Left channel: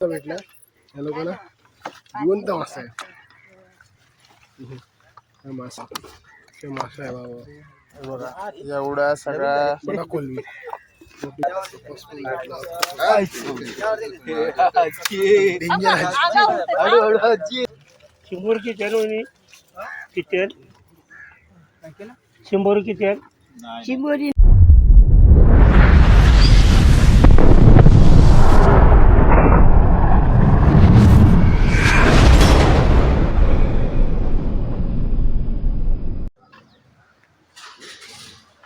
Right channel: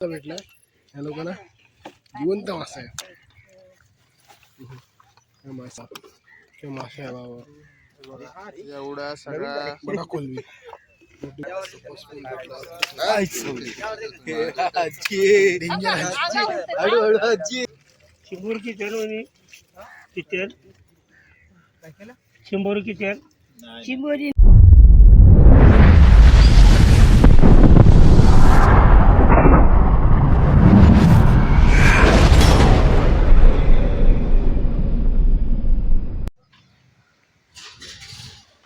मस्त भेटला या लोकांना जिवंत मासा आहे हम्म. हा मासा हा मासा आहे बाबा हे बघा एवढा सगळा बघा कोलवी शंभर किती रोनी किती शंभर किती शंभर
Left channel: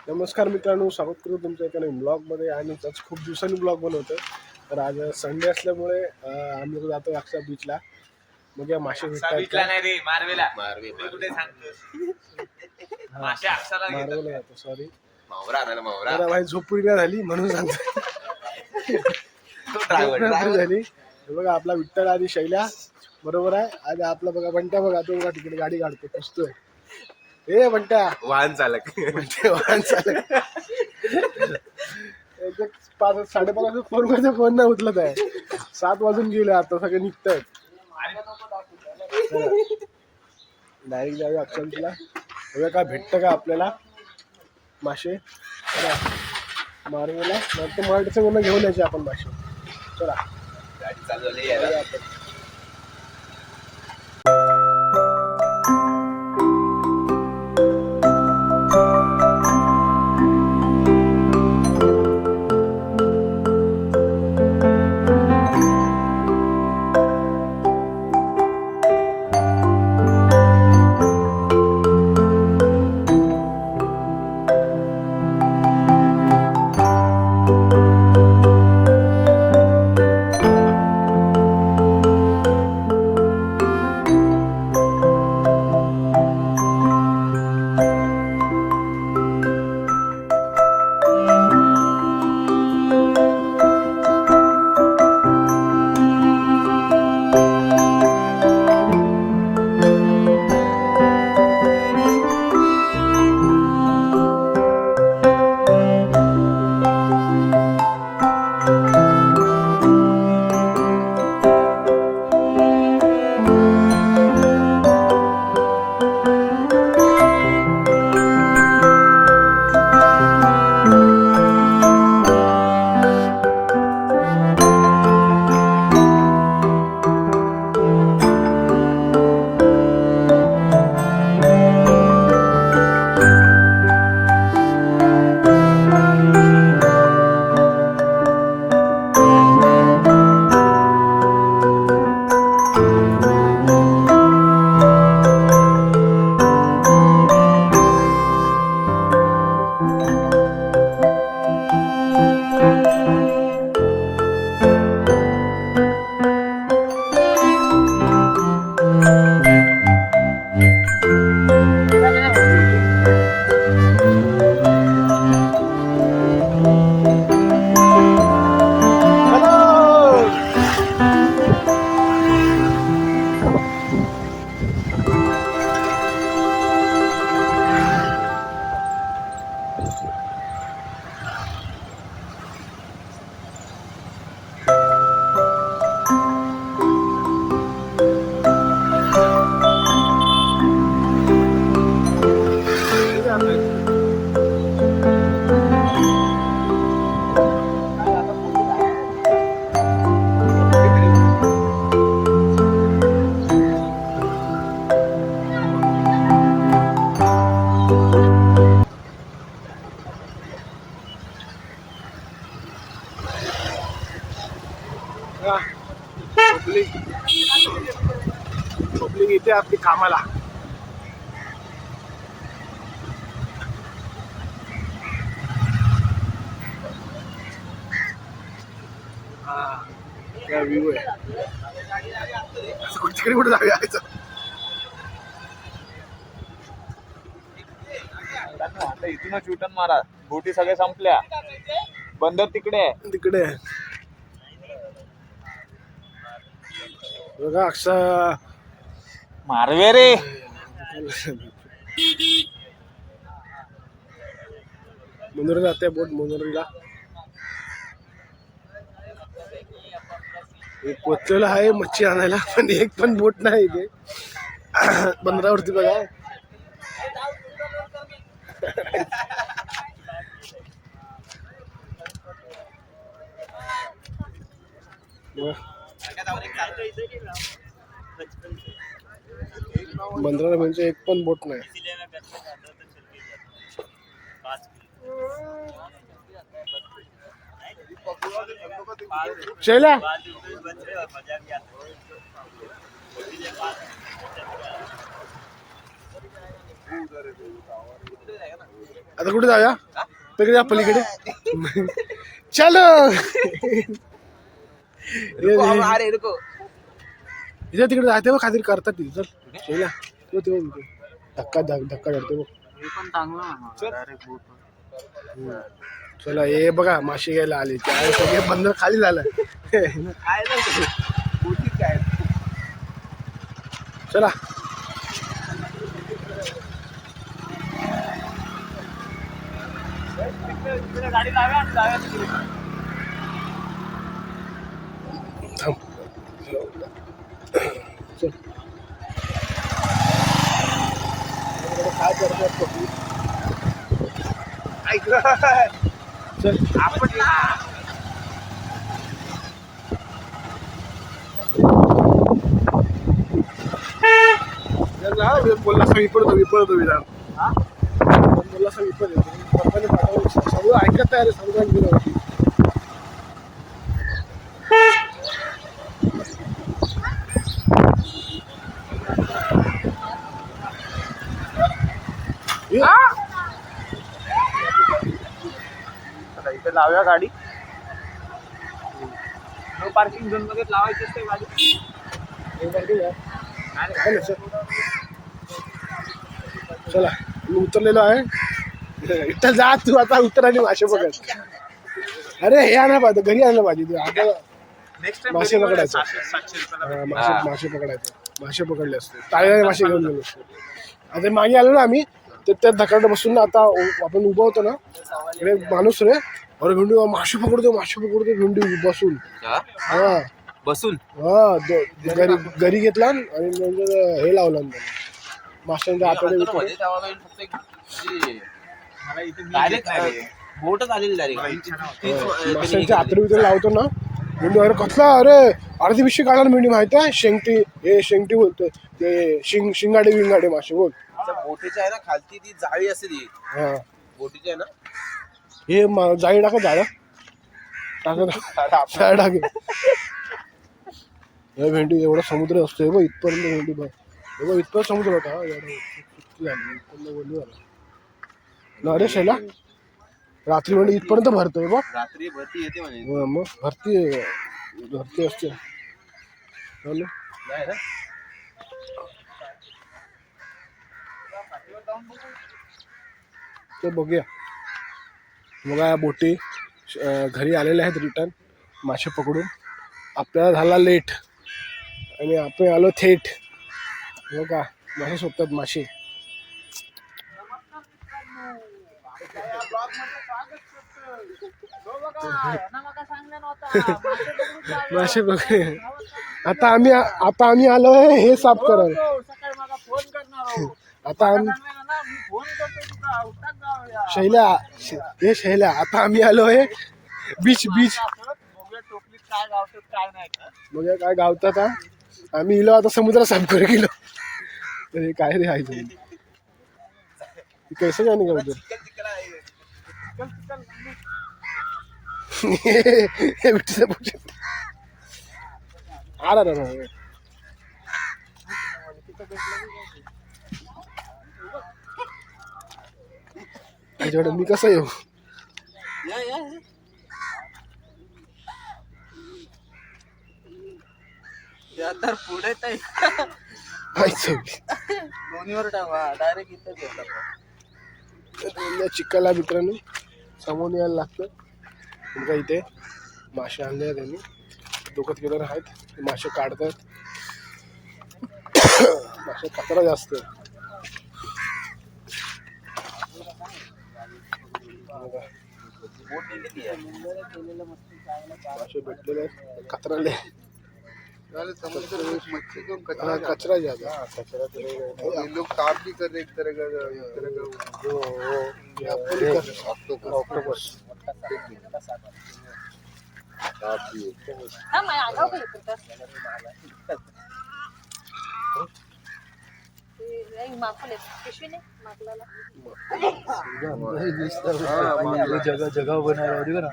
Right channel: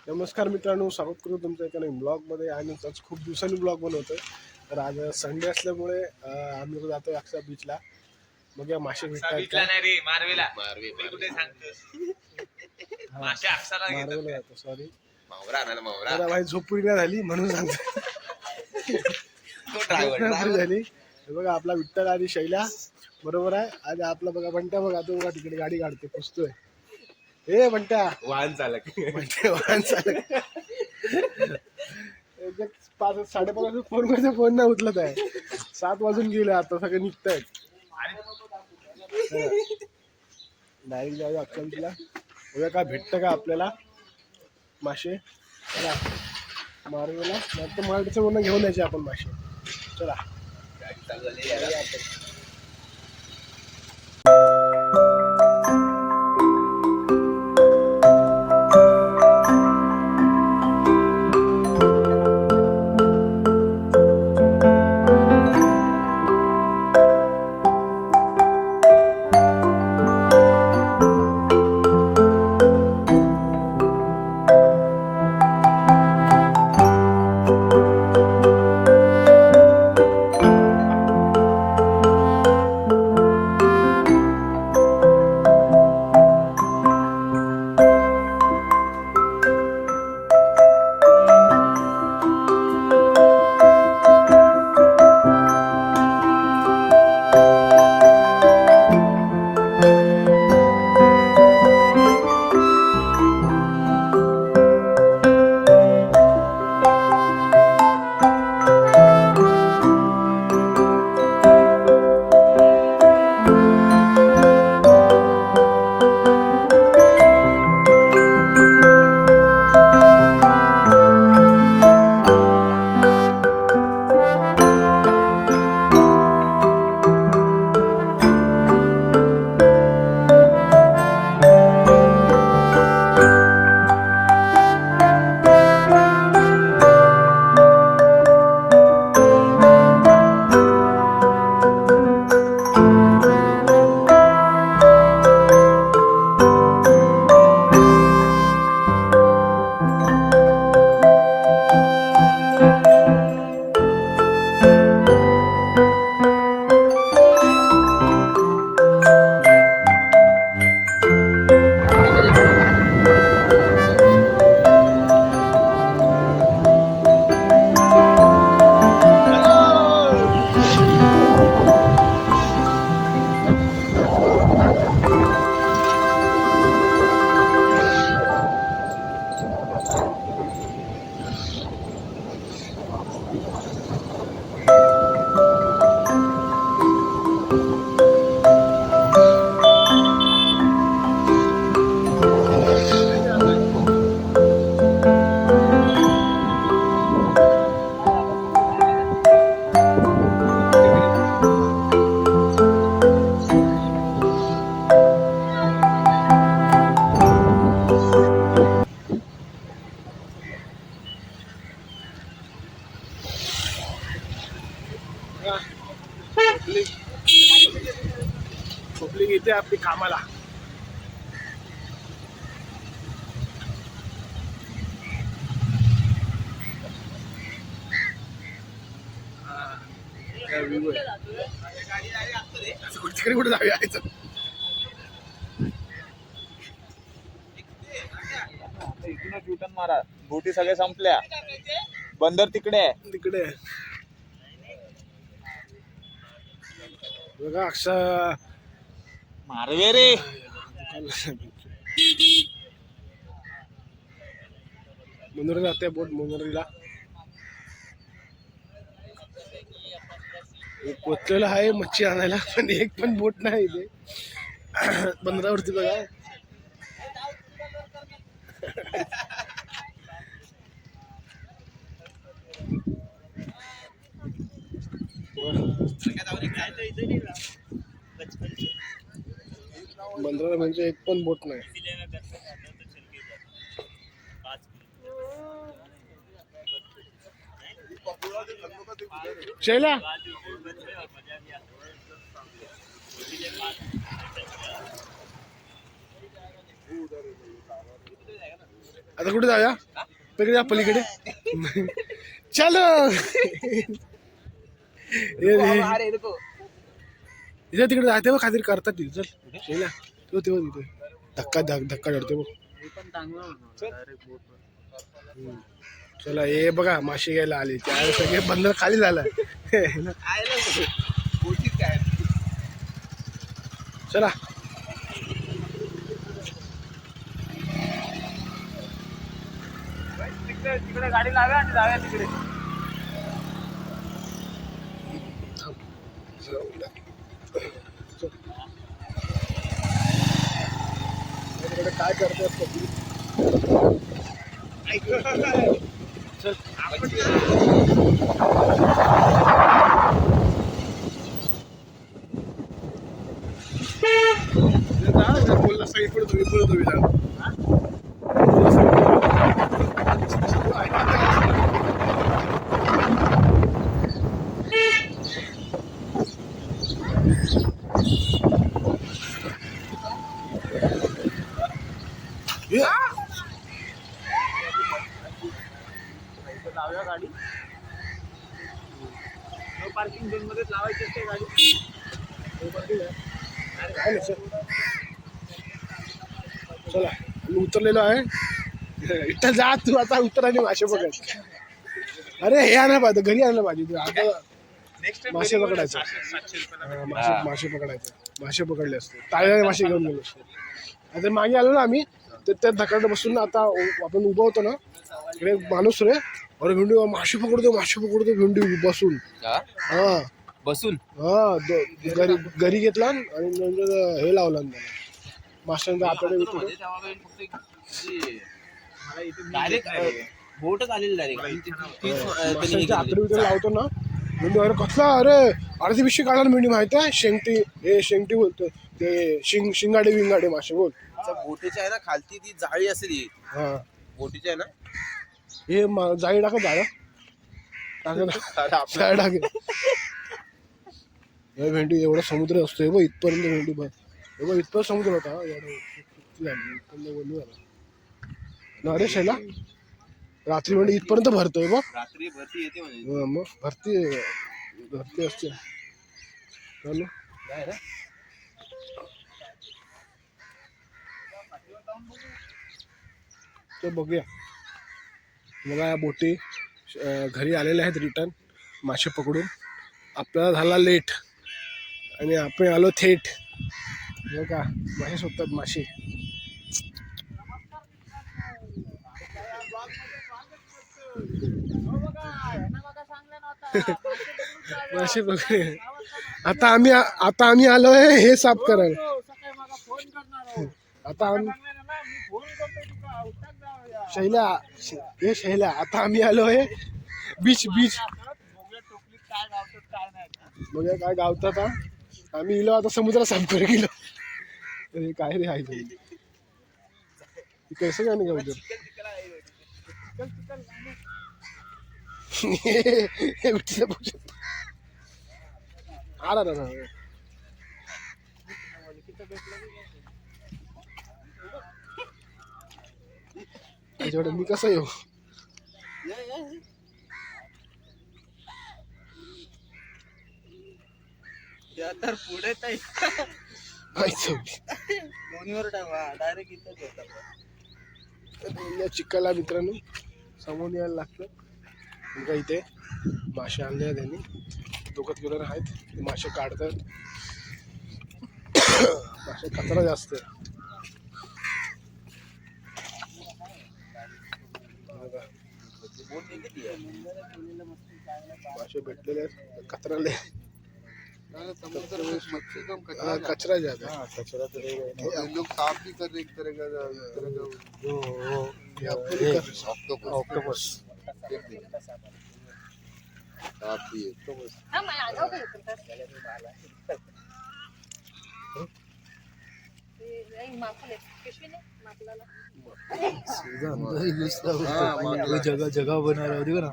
नमस्कार मित्रांनो स्वागत करू तुमच्या एका ब्लॉगमध्ये. आणि आज खूप दिवसांनी ब्लॉग बनवतोय. तर आज संडे असल्यामुळे आम्ही लोक जातो अक्षा बीचला मग या मासे भेटतात बीचला का? नाही रे मारवेला. मी कुठे सांगतोस मासे अक्षरा घेतात. मारवला जातो सॉरी मावरा आला ना मावरा. जरा माझी झोपडी नाही झाली म्हणून सांगतो तो driver, झोपडी driver. झाली. हे बघा आपला विठ्ठल आणि शैल्या बरोबर आहे. आणि आपला बघा बंट्या बघा तो बघा तिकडे गाडी काढते पुसतोय. हे बंट्या. वाहन चालक. वाहन चालक. पाच साडेपाच वाजता फोन करायचा फोन नाही उचलत आहे. सात वाजून गेले आता सगळे निघत आहेत डायरेक्ट जाऊया अक्षमतीला बघा काय भेटतं का आपल्याला. मासे. चला. मारवेला नंतर मराठीचं म्हणून घेऊन यायचे आपण मासे. चला. गाडी चालू झाली काय व्ह्यू आहे. असं कुठे यायचं आता इथूनच युटर्न मारा. बोटी सगळ्या संपल्या. बंदर तिकडे आहे. तिकडे बघा अक्षा मारवे रे. मनोरी जाते बोट मनोरीला. पोचलेलं आहे मच्छी आणायला पण एक पण बोट नाही इथे. बंदरावरती बघा. बंदराला म्हणजे एक पण बोट नाही. शैला आता कुठे जाऊया? तिकडे जा पलीकडे. चल. इथे तिकडे जाते बघ काहीतरी करतात तिथे चल. शैला तो तेव्हा तिथे धक्का धक- धक्का धरते बघ. हम्म. चला हे बघा मासे घ्यायला आले. सगळे बंद खाली झालं. चला. गाडी लाव्या आणि जाव्या तिकडे थांब चल काय करतात बोलला सगळी पडतो मी पडतो मी ऐकत तयार असतं चला, इथे लावूया गाडी. नो पार्किंग झोनमध्ये लावायची असते गाडी? चल. चला मी उतरलेलो आहे. इथं जा तू आता उतर आणि मासे पकड अरे हे आलं पाहिजे घरी आणलं पाहिजे तू आता नेक्स्ट मासे पकडायचं. हा, मासे मासे पकडायचे. मासे पकडले असते. ताळ्याने मासे घेऊन गेलो असते. आता मागे आलो ना आम्ही तर त्या धकाडे बसून आता आपण उभा होतो ना. माणूस रे. अरे भेंडी मासे पकडतो मासे पकडतो भेंडी बसून. हा. बसून? हा दो- घरी घरी घेतला आणि नंतर हे लावलं नंतर. माशांच्या आतडे बितडे. मला इथे मी डायरेक्ट घेतणार आहे. बोटच आलेली डायरेक्ट माशांच्या आतडे लावतो ना मेंढू अरे कसला अरे अर्धी पिशवी काढायला मेंढी माहिती आहे? शेंगटी हे शेंगटी बोलतोय. ते शिंग शिंगाडे विंगाडे मासे बोल. बोटीची आहे ना खालती ती जाळी असेल ही. हा. बोटीची आहे ना? हे जाळी टाका जाळं टाका टाके. हे भेंडी एवढा समुद्र असतो हे बघ इथपर्यंत भेंडी बघ. बघ इथपर्यंत समुद्र होता. हा, यार, किती झालं, इथपर्यंत वल्ली झालं. ना रे शैला रात्री भेंडी इथपर्यंत भरतोय बघ. रात्री भरती येते म्हणे. हा, मग भरती भरती असते. हो ते बघूया. बघा या बोटी घरी आलेल्या आहेत रिटर्न मासे पकडून. आपल्याला झाला लेट आणि आपण आलो थेट. बघा मासे शोधतात मासे. मासे बघ आता आम्ही आता आम्ही आलोय हे साफ करायला. आता आम्ही शैला हे शैला आता आम्ही आलो आहे बीच बीच. काय का? मग काय गावतात आम्ही इलो आता समुद्र साफ गेलो. तर हे काय रे आहे कसं काय नाही हे आला ना त्याच्याकडे मी कसं येऊ? चिक्काला मित्रांनो सामोरून यायला लागतं. तुमचा इथे मासे आणले त्यांनी दोघं किलर आहेत. मासे काढतात. मासे कचरा जास्त. मासे भेटलेले आहेत कचराले हाँ, कचरा ज़्यादा है। हम लोग साफ़ भी कर एक तरह का एक तरह का। कर। रहे। ऑक्टोपस जगह जगह बना रहा देखो ना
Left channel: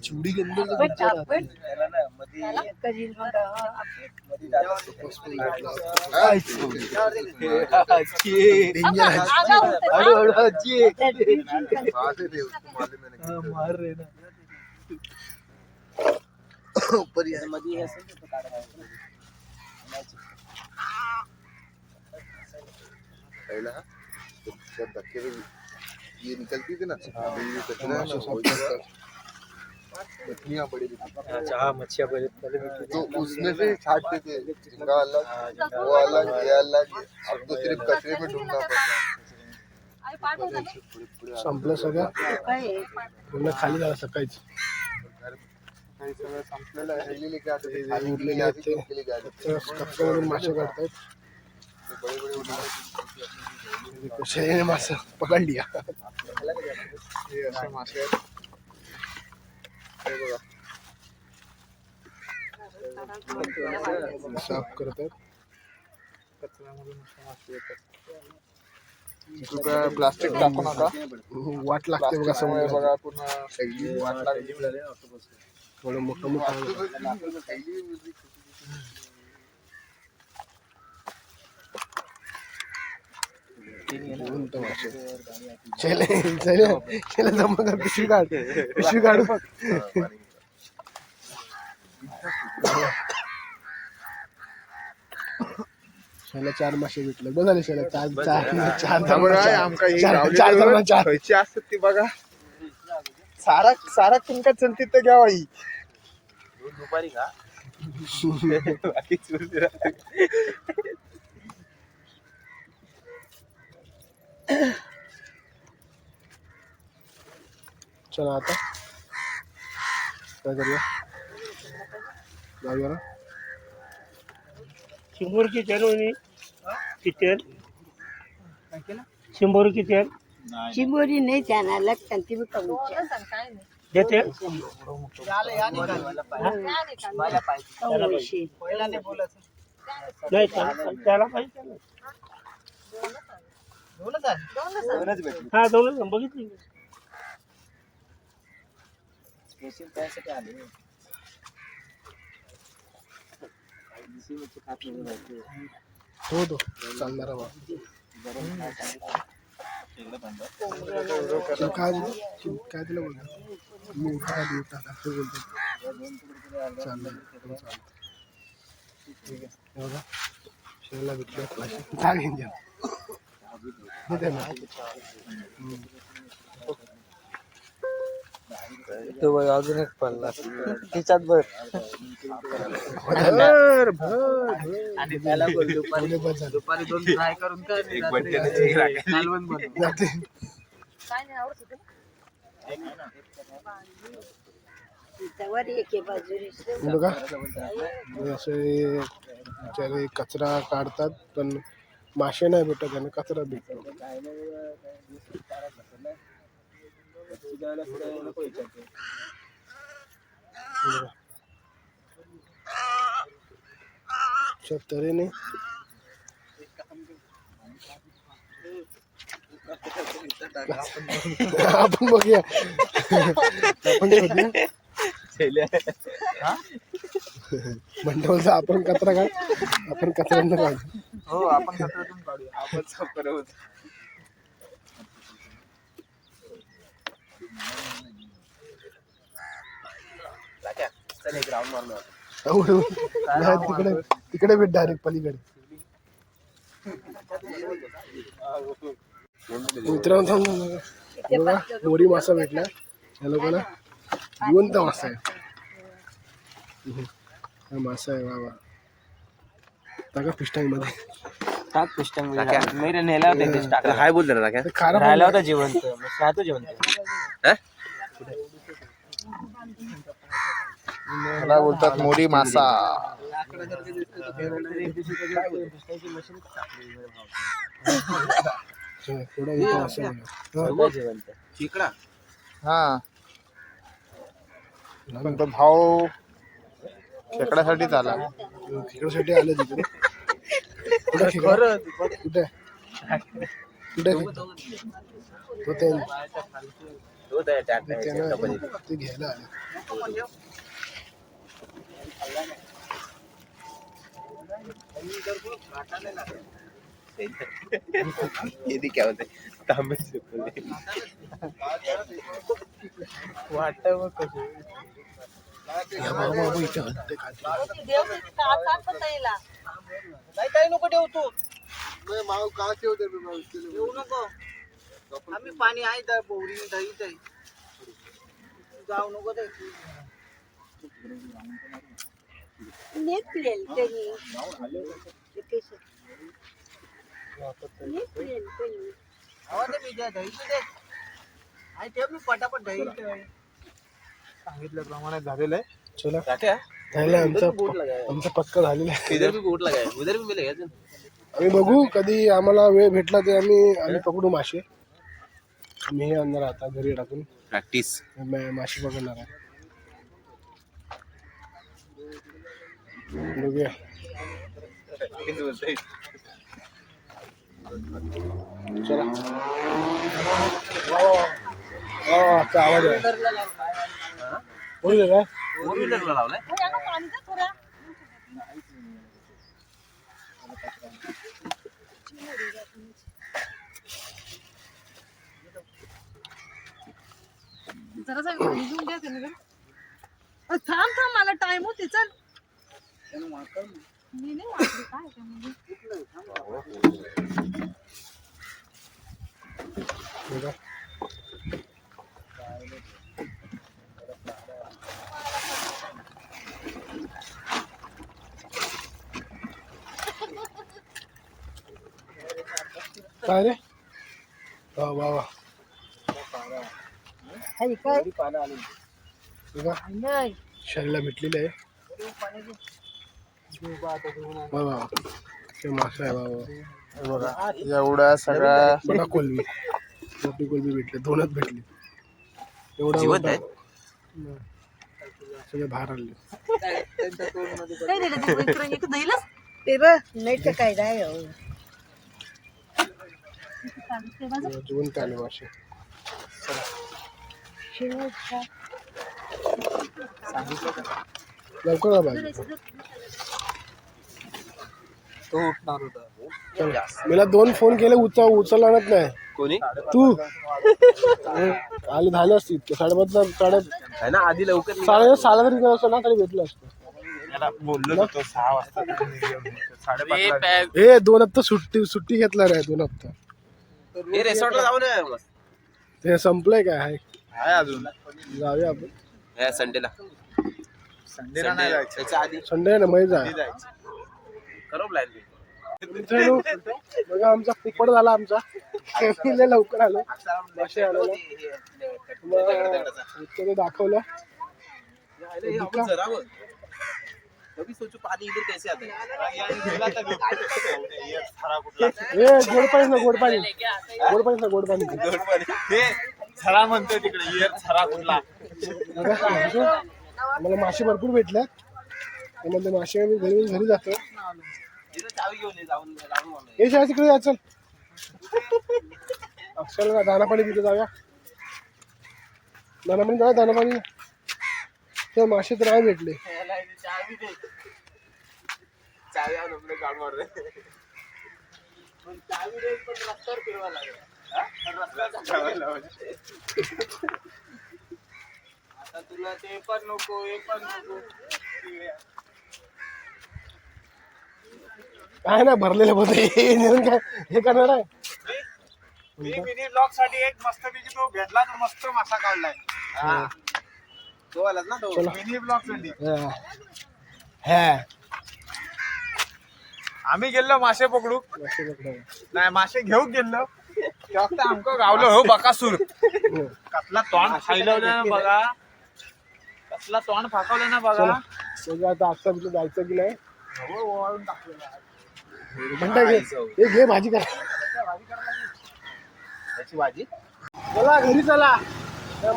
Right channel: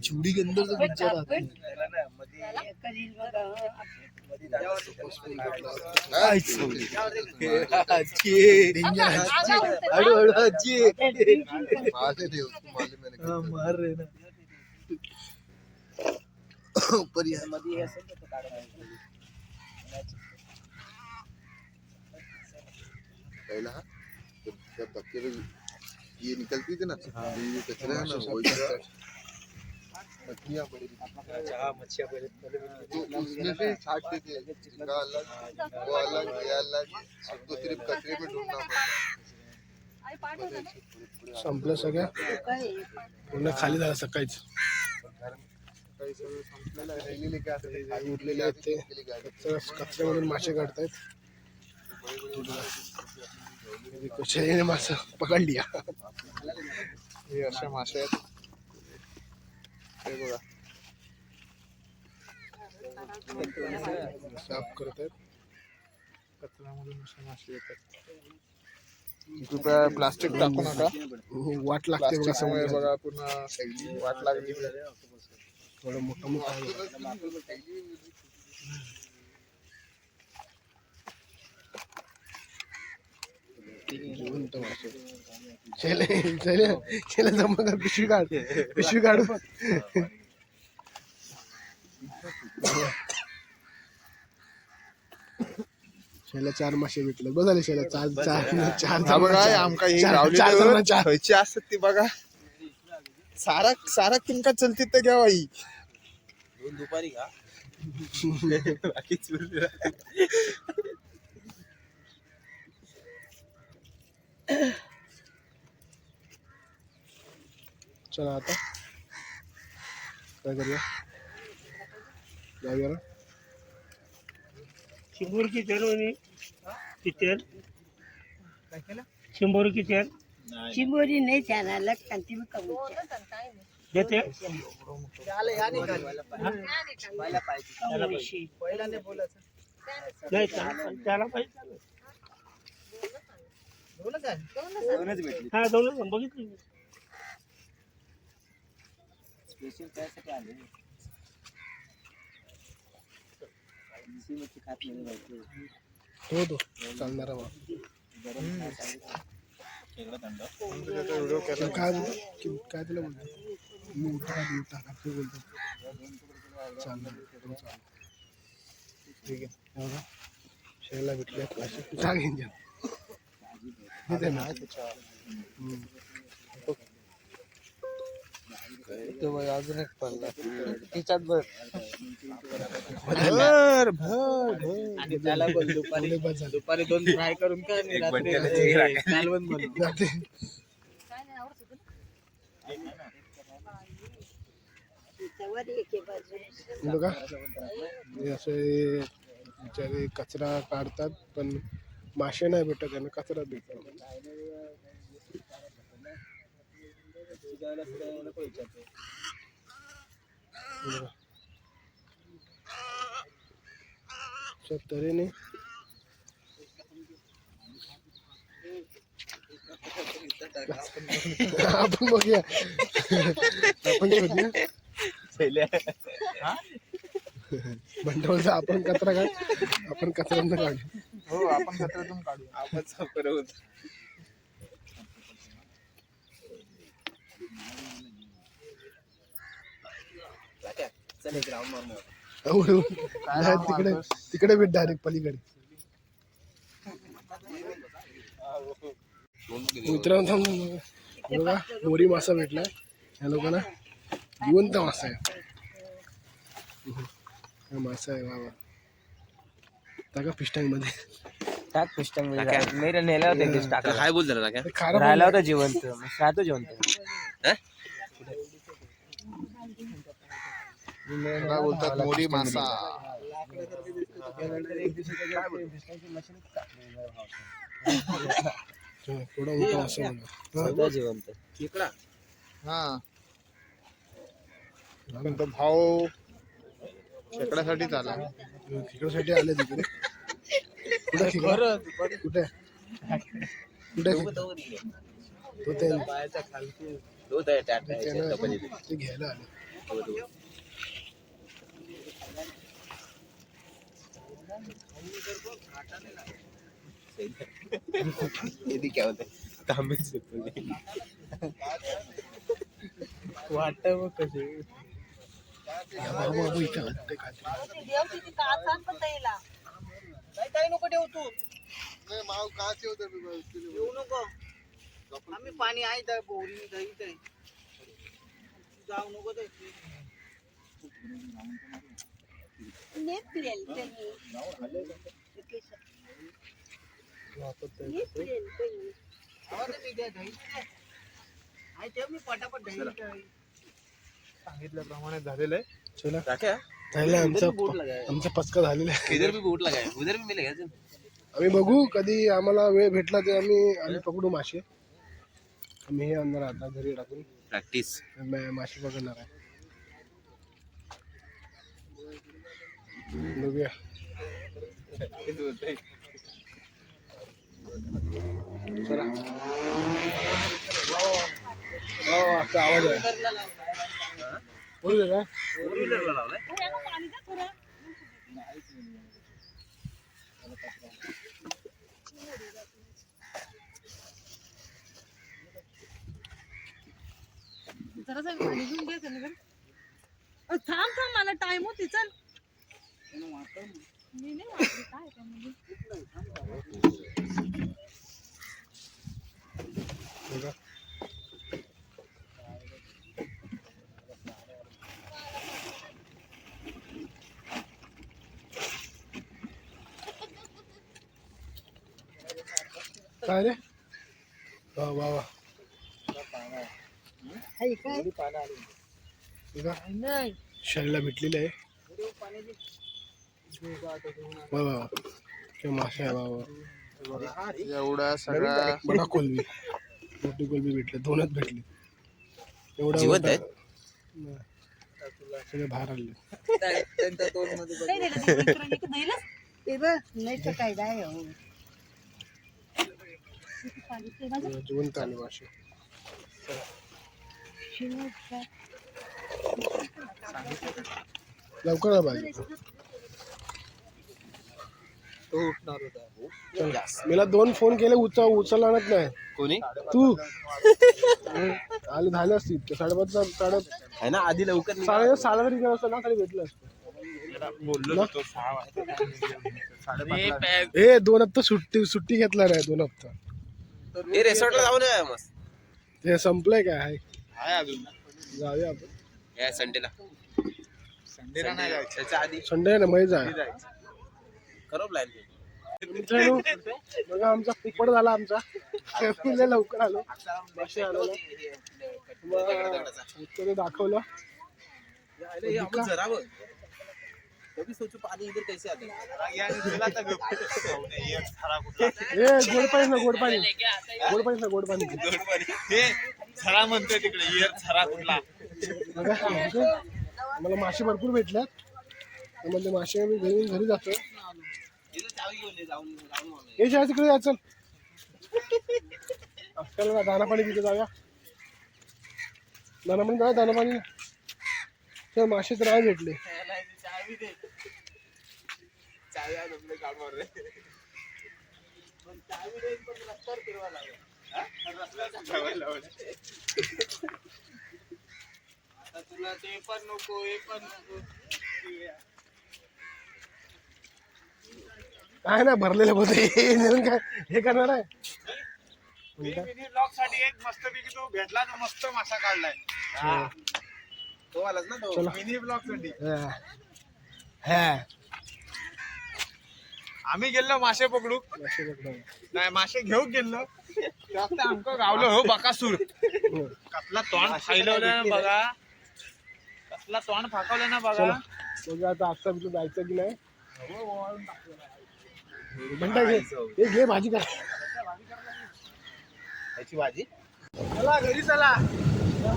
चूड़ी के अंदर बट आपण करील मग डेंजर आहे आगाऊ होतं अरे ना. अरे अच्छी है मारते थे उसको मालूम है हाँ, मार रहे ना ऊपर ही है। पहला तो जब धक्के में ये निकलती थी ना है मछलियाँ बड़ी रहती हाँ मच्छिया पहले पहले तो उसमें से छाटते थे झींगा अलग वो अलग. ये अलग. अब तो सिर्फ कचरे में ढूंढना है. संपलं सगळं? खाली झालं सकाळीच. काही सगळं संपलेलं आहे. उरलेले मासे काढतायत. शेळीने मासे पकडली हे अशा मासे आहेत. बघा साफ करतात कचऱ्यामधून अशा मासे येतात काय प्लास्टिक टाकू नका वाट लागते बघा समोर बघा पुन्हा वाट लागली थोडं मोठं मोठं जमा कर पिशवी काढ पिशवी काढ शेला चार मासे विकले बघ झाले शेला चार चार चार चार चार चार खयची असतात ती बघा सारा सारा किंका चलती तर घ्यावा ही दुपारी का? बाकी चुरली राहते. चला आता. काय करूया? जाऊया. ना शंभरची तेल होणी किती शंभर किती आहे? चिंबोरी नाही. त्यांना लागतात ती बी कमी काय. देते काय? नाही त्याला त्याला पाहिजे. त्याला. दोनच आणि. हा दोनच बघितली मी. हो तो चालणारा बा तुला काय बोलतो तू काय तिला बोलतो मी उठा का देऊ टाका ते बोलतो चालणार हो, चालतं. ठीक आहे हे बघा शेळीला भेटले पैसे का घेऊन द्या ना. तो बघ अजून एक पडला तिच्यात बघ. आणि त्याला बोल दुपारी. दुपारी दोन फ्राय करून का आणि रात्री कालवण बनव. नाही, काय नाही आवडत बघा. असे कचरा काढतात पण मासे नाही भेटत आणि कचरा भेटतो अशा तऱ्हेने आपण बघूया आपण शोधूया मंडळचा आपण कचरा काढ आपण कचरा काढू. हो आपण कचऱ्यातून काढूया आपण साफ करत चल एक राऊंड मारलो आवडून नाही, तिकडे तिकडे भेट डायरेक्ट पलीकडे. मित्रांनो. बघा मोरी मासा भेटला. या लोकांना जिवंत मासा आहे. मासा आहे वा टाका पिस्टनमध्ये टाक पिस्टनमध्ये मेरे नेला होता तीस टाका हाय बोल राहिला होता जिवंत. राहतो बोलतात मोरी मासा. हा. पण तो भाव खेकड्यासाठीच आला खेळासाठी आले तिकडे कुठे खेकडा? कुठे? कुठे खेकडा? तो ते- त्यांना- ते घ्यायला आला. काय होते या बाबा बाबा इथे हत्ते खाते. देव किती त्रास आहे पण ताईला. नाही काही नको ठेव तू येऊ नको आम्ही पाणी आहे त्या बोरी दही दही जाऊ नको ते नेपलेल त्यांनी नेपलेल त्यांनी आवाज ते द्या दही दे आई ठेव मी पटापट दही सांगितल्याप्रमाणे झालेलं आहे. चला. झालं आमचा आमचा पचका झालेला आहे. इधर भी बोट लगा है उधर भी मिलेगा तुम आम्ही बघू कधी आम्हाला वेळ भेटला ते आम्ही आम्ही पकडू मासे. मी हे आणणार आता घरी टाकून. प्रॅक्टिस मा- मासे पकडणार आहे. बघूया. चला. वा, वा, वा. वा, चा आवाज आहे. फोर व्हीलरला लावलाय हो, द्या थोडं. जरासं पाणी घेऊन द्या त्यांना जरा. अ, थांब थांब मला टाइम होते चल मी नाही वाचली काय त्यामध्ये काय रे? वा वा वा. हरी काय? बघा शरीला भेटलेली आहे. वा वा काय मासा आहे वा वा बघा एवढ्या सगळ्या बघा कोलबी मोठी कोलबी भेटली दोनच भेटली. एवढा जिवंत मोठा- आहे? हम्म. सगळे बाहेर आले. काय दिलं ते इकडे एक दहीलच ते बघ नाही तर काय राय हो. जिवंत आले मासे लवकर आ बाई. तो उठणार होता. मला दोन फोन केले उचल उचलणारच नाही. कोणी? तू. आले झाले असतील इतके साडेपाच साडे आहे ना आधी लवकर. साडे सहाला जरी गेलो असतो ना तरी भेटलं असतं. बोललो होतो सहा वाजता हे दोन हप्ता सुट्टी सुट्टी घेतला नाही दोन हप्ता. हे रेसॉर्टला जाऊ नये मस्त ते संपलंय काय आहे आहे अजून जाऊया आपण या संडेला संडेला नाही जायचं त्याच्या आधी संडे आहे ना मै जा मित्रांनो बघा आमचा पुपड झाला आमचा लय लवकर आलो मासे आलो त्याने दाखवलं कभी सोचो पानी इधर कैसे आता है? ए गोड पाणी ना गोड पाणी. गोड पाणी ना गोड पाणी. हे झरा म्हणतोय तिकडे. इयर झरा कुठला. आम्हाला मासे भरपूर भेटल्यात. त्यामध्ये मासे आम्ही घरी घरी जातो इधर चावी घेऊन ये जाऊन जाऊन मला हे शाळा तिकडे या चल. अक्षर दाना पाणी तिथे जाऊया. दाना पाणी जाऊया दाना पाणी मासे तर नाही भेटले. चावी दे चावी आणून आपलं काढ मार रे पण चावी दे पण रस्त्यावर फिरवा लागेल हा? रस्त्यावर चालवायला. आता तुला ते पण नको हे पण नको काय ना भरलेलं मध्ये हे हे करणार आहे मी मिनी ब्लॉगसाठी एक मस्त पैकी तो भेटला तो मस्त मासा काढलाय हा. तो आलाच ना तो. मिनी ब्लॉगसाठी हा. हा आम्ही गेलो मासे पकडू. नाही मासे घेऊन गेलो. फक्त आमका गावलो हो बकासूर. कसला तोंड खायला बघा. कसला तोंड फाकवलं ना बघा. बघा आता आजचा तुला जायचं की नाही? म्हणता घे. हे घे भाजी करा. त्याची भाजी? चला घरी चला.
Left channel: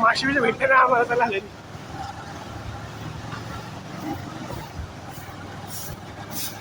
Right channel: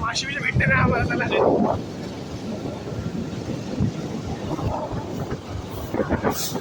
माशी भेटते ना आम्हाला चला. 私。